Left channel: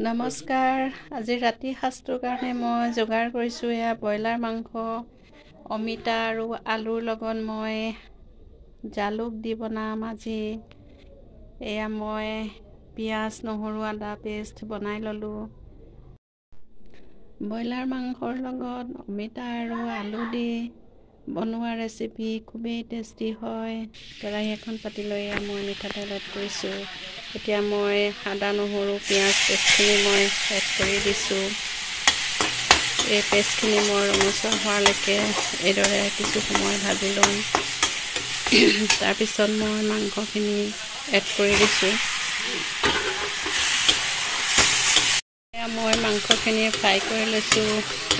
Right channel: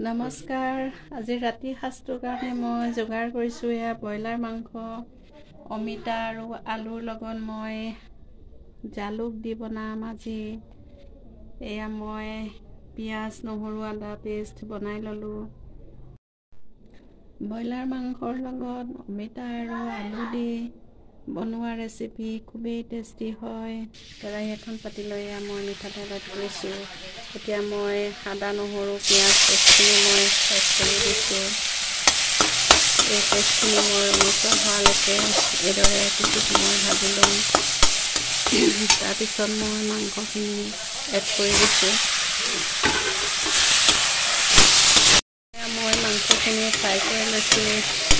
নমস্কাৰ আজি ৰাতি সাজটোৰ কাৰণে মই যোগাৰ কৰিছোঁ এয়া ব্ৰইলাৰ মাংস অমিতা আৰু আলুৰ লগত মই জালুক দি বনাম আজি এয়া মই পিঁয়াজ নহৰু আদা পেষ্ট বনাই ল'লোঁ ব্ৰইলাৰ মাংসৰ লগত অমিতা আৰু আলু দি বনোৱা ৰেচিপি খুবেই টেষ্টি হয় কেৰাহী এখন পাতি লৈ মই মিঠাতেল এড কৰিছোঁ এতিয়া মই আদা নহৰু পিঁয়াজ পেষ্টখিনি মই এড কৰি দিছোঁ এই পেষ্টখিনি মই ৰঙচুৱা হোৱালৈকে এইদৰে কিছু সময় ভাজি ল'ম তাৰপিছত মই মাংসখিনি এড কৰি দিছোঁ মই মাংসখিনি ফ্ৰাই কৰি লৈছোঁ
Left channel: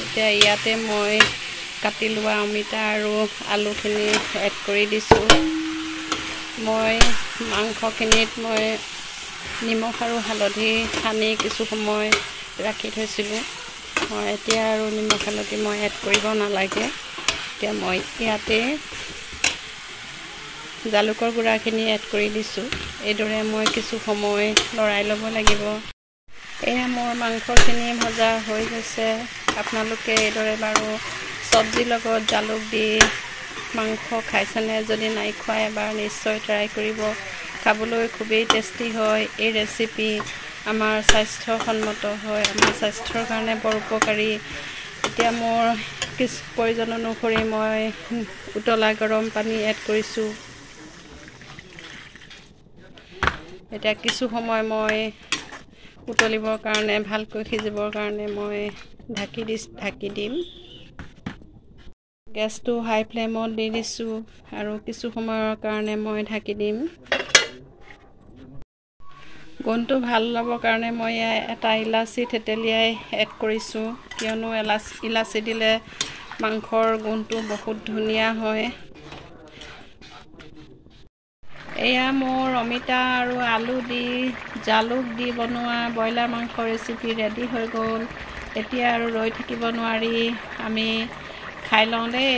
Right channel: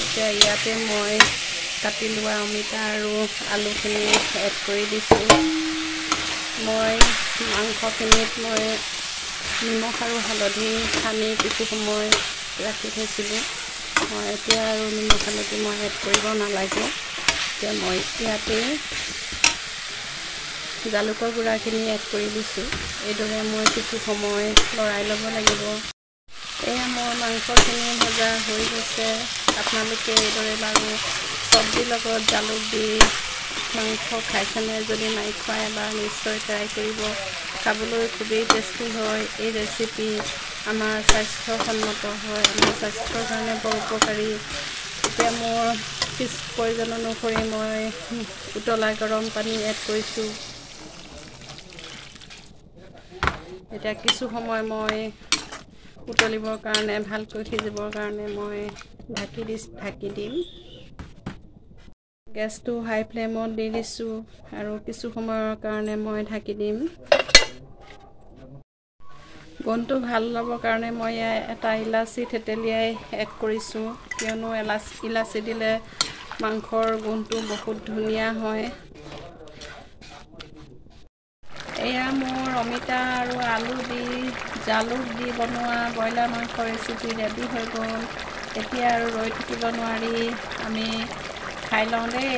এতিয়া ইয়াতে মই কাটি লোৱা অমিতা আৰু আলুখিনি এড কৰি দিছোঁ মই মাংসখিনিত মই নিমখ আৰু হালধি সানি কিছু সময় ৰাখি থৈছিলোঁ মই এতিয়া আৰু নিমখ হালধি মই এড কৰিব নালাগে এতিয়া মই ইয়াতে জালুকৰ গুড়াখিনি এড কৰি দিছোঁ এইদৰে মই কিছু সময় লৰাই ল'ব লাগিব এয়া মোৰ মাংসখিনি ভজা হৈ গৈছে আপোনালোকে এইদৰে বাৰু চব্জিৰ লগত জালুক দি মাংস খাইছেনে যদি নাই খোৱা এবাৰ নিশ্চয় ট্ৰাই কৰিব খাবলৈ খুবেই টেষ্টি হয় এই ৰেচিপি আমাৰ স্বাস্থ্যসন্মত হয় আমাৰ স্বাস্থ্যৰ কাৰণে বৰ উপকাৰী এতিয়া মোৰ কিছু প্ৰয়োজন অনুসৰি মই উতলা গৰম পানী এড কৰিছোঁ এতিয়া কিছু সময় মই উতলিবৰ কাৰণে ভালকৈ সিজিবৰ কাৰণে মই ঢাকি দিম গেছটো হাই ফ্লেমত দি দিছোঁ আৰু কিছু সময়ৰ কাৰণে মই ঢাকি দিম গোন্ধটো ভাল ল'বৰ কাৰণে মই এটা ইলাচি থেতেলিয়াই এড কৰিছোঁ কিয়নো ইলাচি দিলে মাংসৰ গোন্ধটো বহুত ধুনীয়া হয় এয়া মোৰ অমিতা আৰু আলু দি জালুক দি বনোৱা ব্ৰইলাৰ মাংস ৰেচিপি ৰেডি হৈ গ'ল এতিয়া আৰু ৰৈ থাকিব নোৱাৰি আমি খাই লওঁ দেই